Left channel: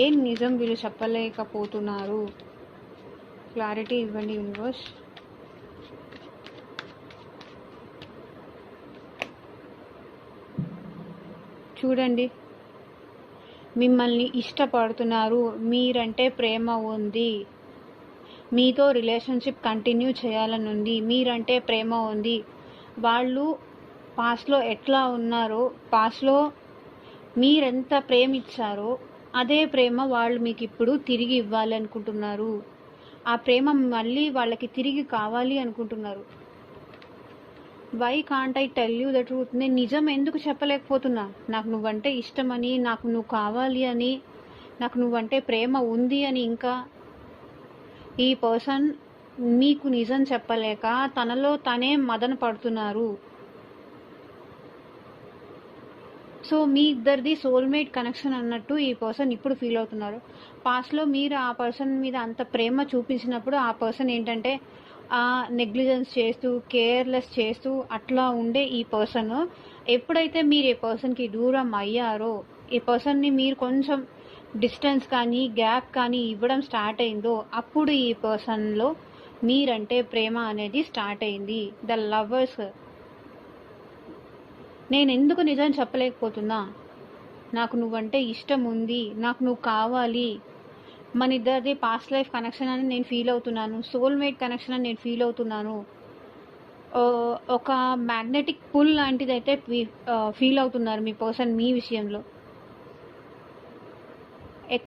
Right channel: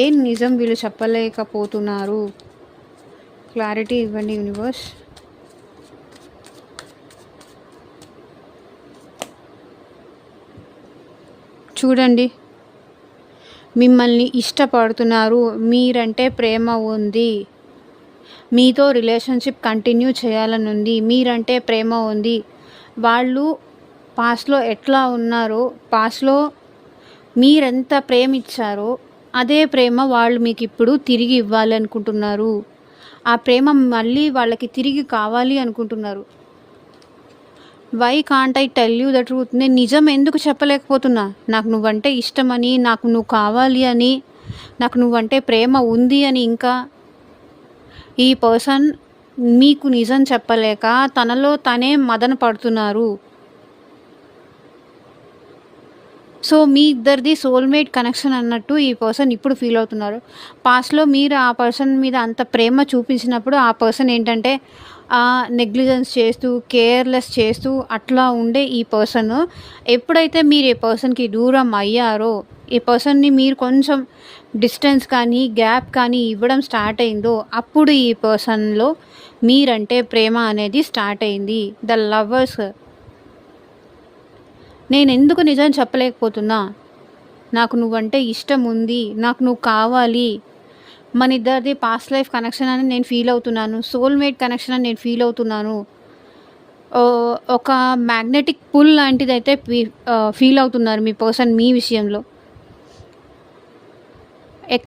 ఏం నిజం వీళ్ళు చెప్పలేకపోతున్నారు? క్లారిటీ ఇవ్వండి యూనివర్స్. చూడండి, మిమ్మల్ని ఇష్టపడుతున్నారు, మీరంటే ప్రేమ ఉంది, మీతో రిలేషన్షిప్ కంటిన్యూ చేయాలని ఉంది, మీరంటే ప్రేమ ఉంది. వాళ్ళు పాస్ట్లో ఎట్లా ఉన్నారో, పాస్ట్లో మీరెంత ప్రేమ ఇచ్చారో అదే ప్రేమ వాళ్ళు మీకు ఇప్పుడు తిరిగి ఇవ్వాలి అనుకుంటున్నారు. ఆ ప్రేమ మళ్ళీ వాళ్ళకి తిరిగి కావాలి అనుకుంటున్నారు. Why can't I tell you the truth? నేను నిజం ఎందుకు చెప్పలేకపోతున్నా? నాకు నువ్వంటే ఇష్టమని, నాకు నువ్వు కావాలి అని, నాకు నువ్వంటే ప్రేమ ఉంది అని. ఇంకా ఈ పర్సన్ మీకు నిజం చెప్పలేక తనలో తనే మదన పడుతున్నారు. సో మీ ఇద్దరిది సోల్మేట్ కనెక్షన్ అన్నట్టు ఈ పర్సన్ ఇప్పుడు ఫీల్ అవుతున్నారు. పాస్ట్లో మీరు ఆ పర్సన్ మీద అంత ప్రేమ చూపించినప్పుడు ఆ పర్సన్ ఏంటంటే నెగ్లిజెన్స్ చేస్తూ, కేర్లెస్ చేస్తూ అట్లా ఉండే ఈ పర్సన్ ఎప్పుడైతే మీరు ఈ పర్సన్కి దూరం అయ్యారో, ఈ పర్సన్ని మీరు కొంచెం డిస్టెన్స్ కానీ గ్యాప్ కానీ ఇవ్వడం స్టార్ట్ అయిందో, అప్పుడు ఈ పర్సన్లో మీరంటే ప్రేమ అనేది స్టార్ట్ అయింది. The lovers. నేను ఎందుకు నిజం చెప్పలేకపోతున్నా? నాకు నువ్వంటే ఇష్టం ఉంది, నాకు నువ్వు కావాలి, మన ఇద్దరిది పాస్ట్ లైఫ్ కనెక్షన్ అని నేను ఫీల్ అవుతున్నాను, సోల్మేట్ కనెక్షన్ అని నేను ఫీల్ అవుతున్నాను. ఒక మ్యాగ్నెటిక్ పుల్ లాంటిది అయితే ఫీల్ అవుతున్నారు మీ పర్సన్ మీ విషయంలో.